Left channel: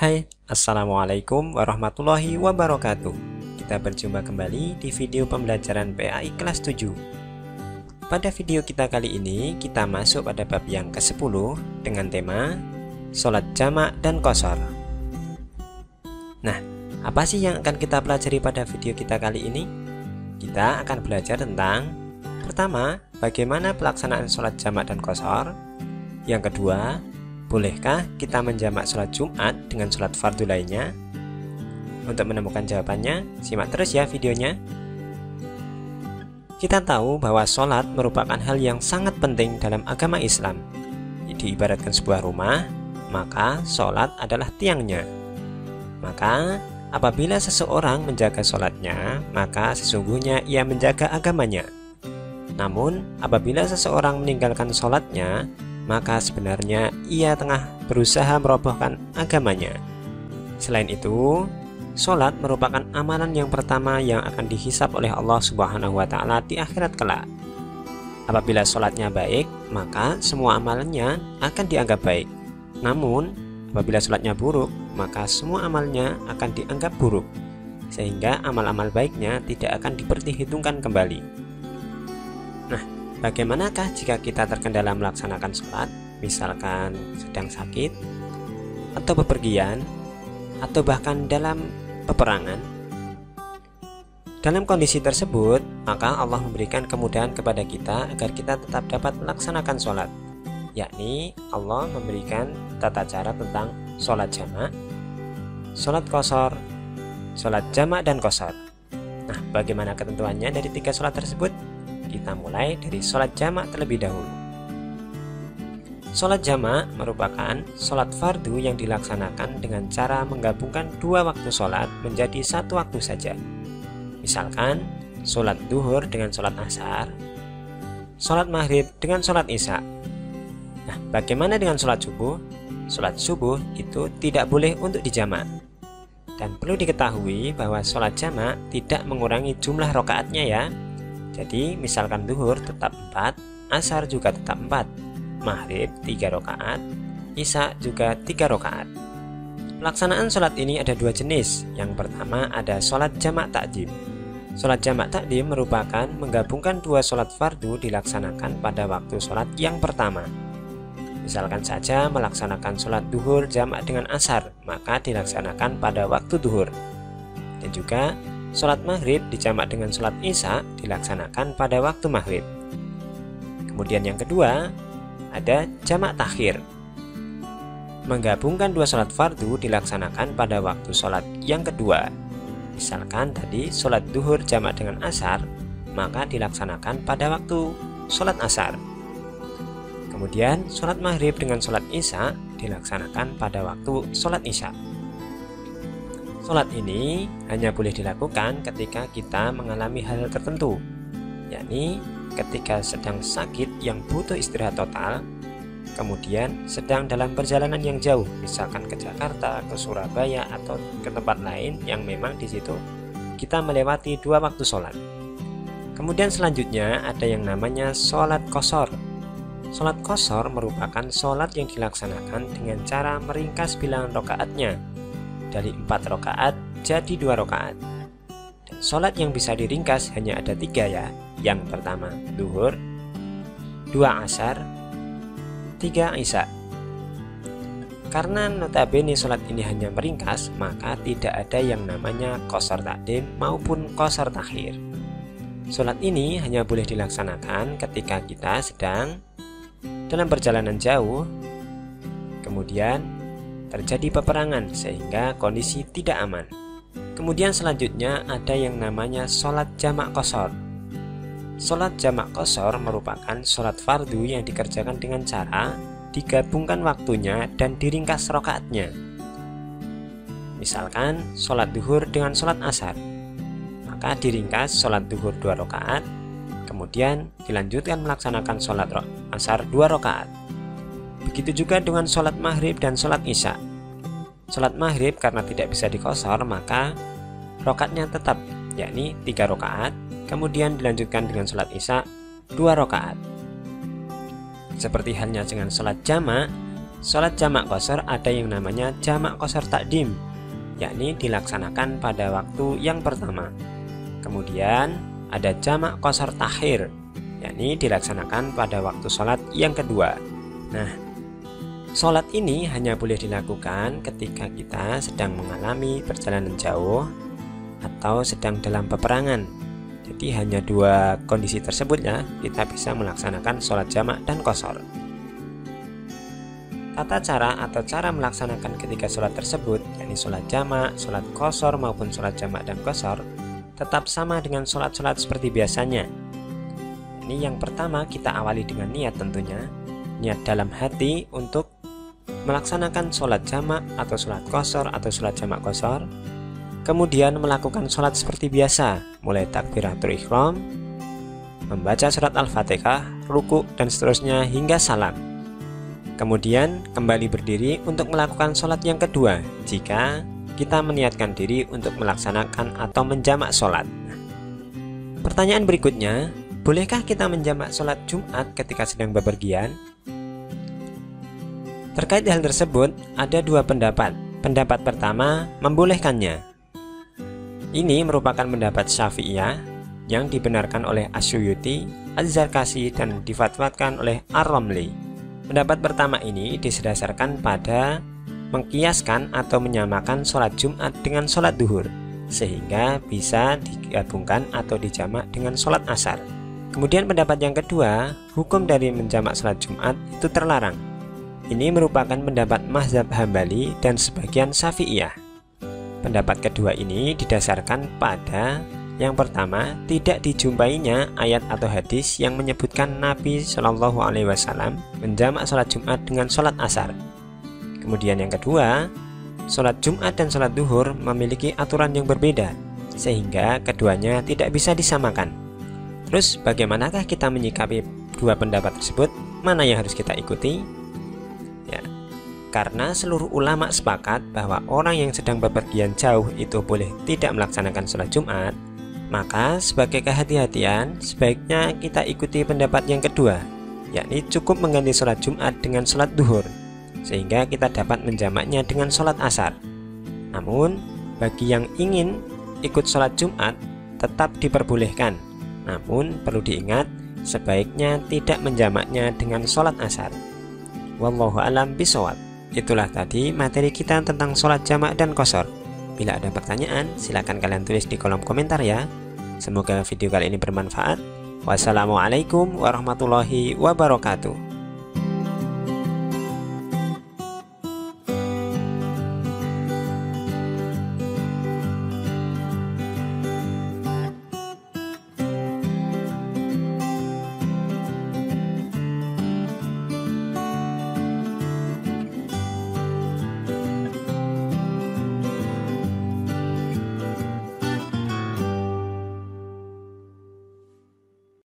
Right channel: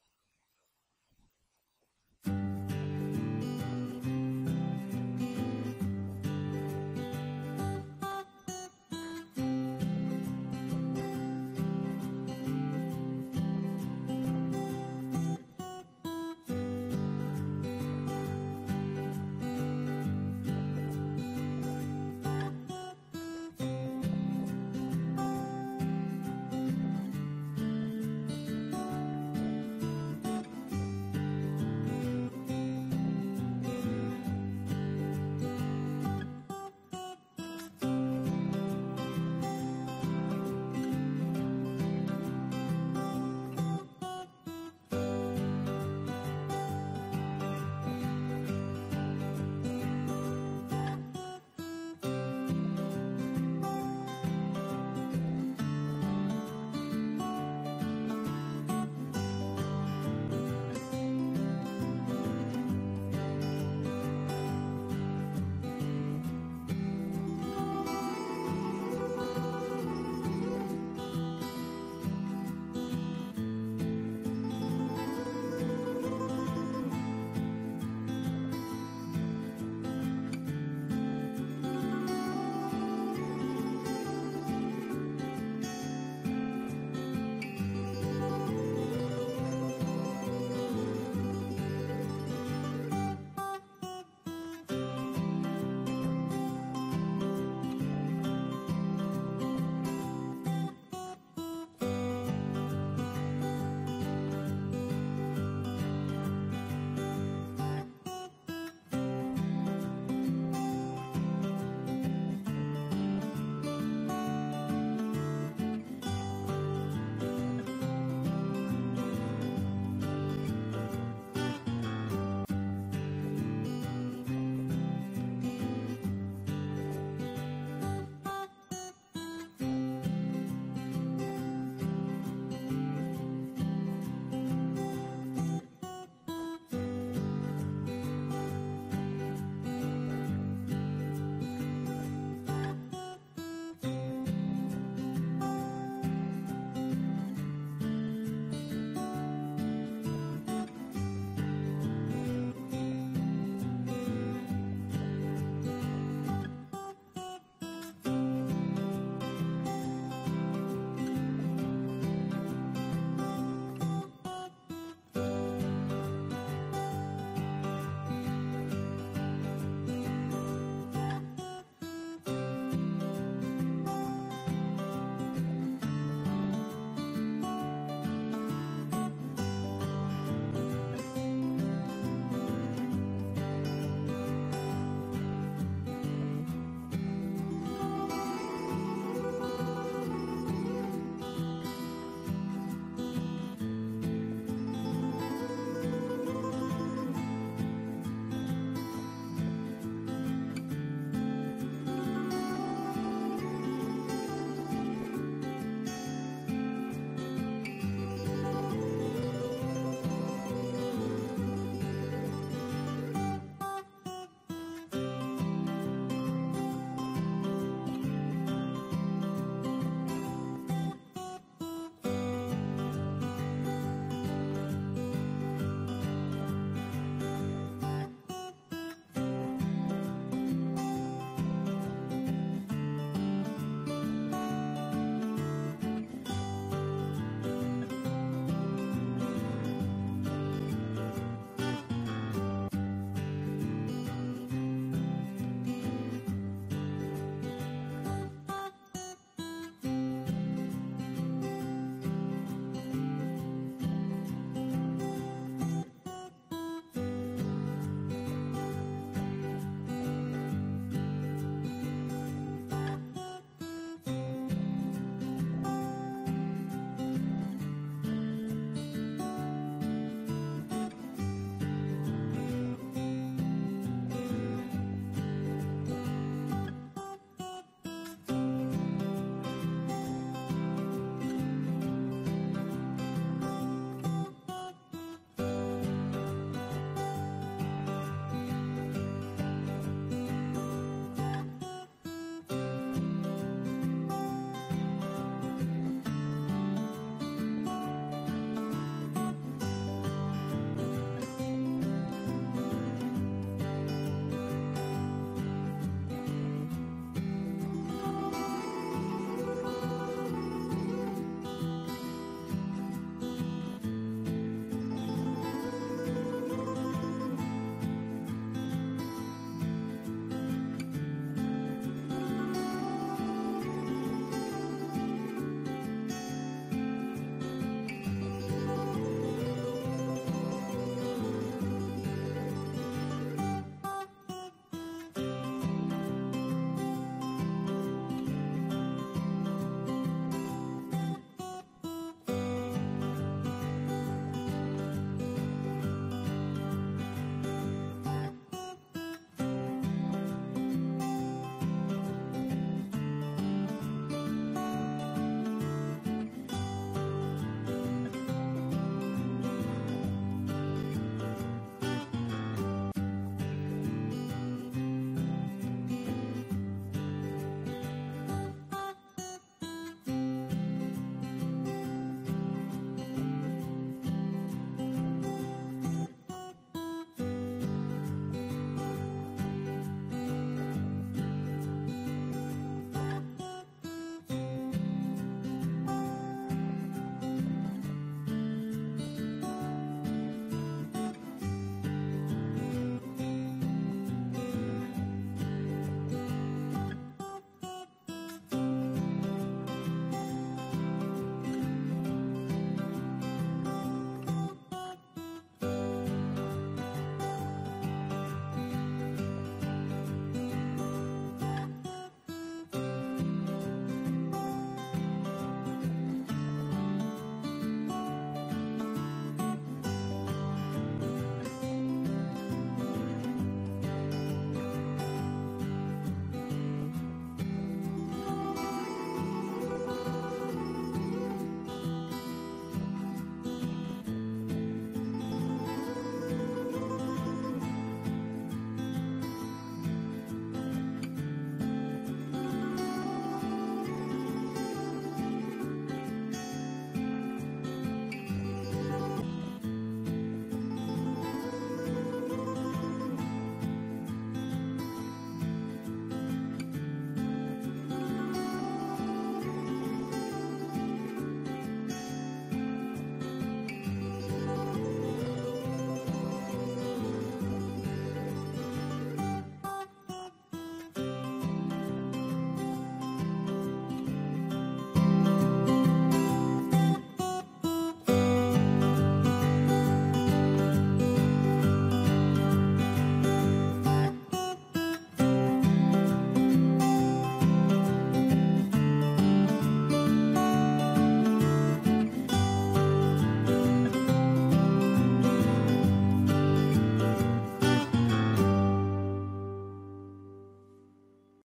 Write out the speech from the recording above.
Hai, Assalamualaikum warahmatullahi wabarakatuh. Kita berjumpa kembali di video pembelajaran PAI kelas 7. Pada video kita kali ini, kita masuk pada bab yang ke-10 dengan tema Sholat Jamak dan Qashar. Nah, apa sih yang akan kita pelajari pada video kita kali ini? Kita akan belajar tentang pertama, bagaimana pelaksanaan sholat jamak dan qashar. Yang kedua, bolehkah kita menjamak sholat Jumat dengan sholat fardu lainnya? Untuk menemukan jawabannya, simak terus ya videonya. Kita tahu bahwa sholat merupakan hal yang sangat penting dalam agama Islam. Diibaratkan sebuah rumah, maka sholat adalah tiangnya. Maka, apabila seseorang menjaga sholatnya, maka sesungguhnya ia menjaga agamanya. Namun, apabila seseorang meninggalkan sholatnya, maka sebenarnya ia tengah berusaha merobohkan agamanya. Selain itu, sholat merupakan amalan yang pertama yang akan dihisab oleh Allah Subhanahu wa Ta'ala di akhirat kelak. Apabila sholatnya baik, maka semua amalannya akan dianggap baik. Namun, apabila sholatnya buruk, maka semua amalnya akan dianggap buruk, sehingga amal-amal baiknya tidak akan diperhitungkan kembali. Bagaimanakah jika kita terkendala melaksanakan sholat, misalkan sedang sakit, atau bepergian, atau bahkan dalam peperangan? Dalam kondisi tersebut, maka Allah memberikan kemudahan kepada kita agar kita tetap dapat melaksanakan sholat, yakni Allah memberikan tata cara tentang sholat jamak, sholat qashar, sholat jamak dan qashar. Nah, bagaimana ketentuannya dari tiga sholat tersebut? Kita mulai dari sholat jamak terlebih dahulu. Sholat jamak merupakan sholat fardu yang dilaksanakan dengan cara menggabungkan dua waktu sholat menjadi satu waktu saja. Misalkan, sholat duhur dengan sholat asar, sholat maghrib dengan sholat isya. Nah, bagaimana dengan sholat subuh? Sholat subuh itu tidak boleh untuk dijamak. Dan perlu diketahui bahwa sholat jamak tidak mengurangi jumlah rakaatnya ya. Jadi misalkan duhur tetap 4, asar juga tetap 4, maghrib 3 rakaat, isya juga 3 rakaat. Pelaksanaan sholat ini ada dua jenis. Yang pertama ada sholat jamak takdim. Sholat jamak takdim merupakan menggabungkan dua sholat fardu dilaksanakan pada waktu sholat yang pertama. Misalkan saja melaksanakan sholat duhur jamak dengan asar, maka dilaksanakan pada waktu duhur. Dan juga sholat maghrib dijamak dengan sholat isya dilaksanakan pada waktu maghrib. Kemudian yang kedua ada jamak takhir. Menggabungkan dua sholat fardu dilaksanakan pada waktu sholat yang kedua. Misalkan tadi sholat duhur jamak dengan asar, maka dilaksanakan pada waktu sholat asar. Kemudian sholat maghrib dengan sholat isya dilaksanakan pada waktu sholat isya. Sholat ini hanya boleh dilakukan ketika kita mengalami hal tertentu, yakni ketika sedang sakit yang butuh istirahat total, kemudian sedang dalam perjalanan yang jauh, misalkan ke Jakarta, ke Surabaya, atau ke tempat lain yang memang di situ kita melewati dua waktu sholat. Kemudian selanjutnya ada yang namanya sholat qashar. Sholat qashar merupakan sholat yang dilaksanakan dengan cara meringkas bilangan rakaatnya dari 4 rakaat jadi 2 rakaat. Dan sholat yang bisa diringkas hanya ada 3 ya. Yang pertama duhur, 2 asar, 3 isya. Karena notabene sholat ini hanya meringkas, maka tidak ada yang namanya qashar takdim maupun qashar takhir. Sholat ini hanya boleh dilaksanakan ketika kita sedang dalam perjalanan jauh, kemudian terjadi peperangan sehingga kondisi tidak aman. Kemudian selanjutnya ada yang namanya sholat jamak qashar. Sholat jamak qashar merupakan sholat fardu yang dikerjakan dengan cara digabungkan waktunya dan diringkas rakaatnya. Misalkan sholat duhur dengan sholat asar, maka diringkas sholat duhur 2 rakaat, kemudian dilanjutkan melaksanakan sholat asar 2 rakaat. Begitu juga dengan sholat maghrib dan sholat isya. Sholat maghrib karena tidak bisa diqashar, maka rakaatnya tetap, yakni 3 rakaat, kemudian dilanjutkan dengan sholat isya 2 rakaat. Seperti halnya dengan sholat jamak, Sholat jamak qashar ada yang namanya jamak qashar takdim, yakni dilaksanakan pada waktu yang pertama. Kemudian ada jamak qashar takhir, yakni dilaksanakan pada waktu sholat yang kedua. Nah, sholat ini hanya boleh dilakukan ketika kita sedang mengalami perjalanan jauh atau sedang dalam peperangan. Jadi hanya dua kondisi tersebut ya kita bisa melaksanakan sholat jamak dan qashar. Tata cara atau cara melaksanakan ketika sholat tersebut, yakni sholat jamak, sholat qashar maupun sholat jamak dan qashar, tetap sama dengan sholat-sholat seperti biasanya. Ini yang pertama kita awali dengan niat tentunya, niat dalam hati untuk melaksanakan sholat jamak atau sholat qashar atau sholat jamak qashar. Kemudian melakukan sholat seperti biasa, mulai takbiratul ihram, membaca surat Al-Fatihah, ruku dan seterusnya hingga salam. Kemudian kembali berdiri untuk melakukan sholat yang kedua jika kita meniatkan diri untuk melaksanakan atau menjamak sholat. Pertanyaan berikutnya, bolehkah kita menjamak sholat Jumat ketika sedang bepergian? Terkait hal tersebut, ada dua pendapat. Pendapat pertama, membolehkannya. Ini merupakan pendapat Syafi'iyah yang dibenarkan oleh Asyuyuti, Az-Zarkashi, dan difatwakan oleh Ar-Ramli. Pendapat pertama ini didasarkan pada mengkiaskan atau menyamakan sholat Jumat dengan sholat duhur, sehingga bisa digabungkan atau dijamak dengan sholat asar. Kemudian pendapat yang kedua, hukum dari menjamak sholat Jumat itu terlarang. Ini merupakan pendapat mazhab Hambali dan sebagian Syafi'iyah. Pendapat kedua ini didasarkan pada yang pertama, tidak dijumpainya ayat atau hadis yang menyebutkan Nabi Shallallahu Alaihi Wasallam menjamak sholat Jumat dengan sholat asar. Kemudian yang kedua, sholat Jumat dan sholat duhur memiliki aturan yang berbeda, sehingga keduanya tidak bisa disamakan. Terus bagaimanakah kita menyikapi dua pendapat tersebut? Mana yang harus kita ikuti? Ya, karena seluruh ulama sepakat bahwa orang yang sedang bepergian jauh itu boleh tidak melaksanakan sholat Jumat, maka sebagai kehati-hatian sebaiknya kita ikuti pendapat yang kedua, yakni cukup mengganti sholat Jumat dengan sholat duhur, sehingga kita dapat menjamaknya dengan sholat asar. Namun bagi yang ingin ikut sholat Jumat tetap diperbolehkan, namun perlu diingat sebaiknya tidak menjamaknya dengan sholat asar. Wallahu a'lam bishawab. Itulah tadi materi kita tentang sholat jamak dan qashar. Bila ada pertanyaan, silakan kalian tulis di kolom komentar ya. Semoga video kali ini bermanfaat. Wassalamualaikum warahmatullahi wabarakatuh.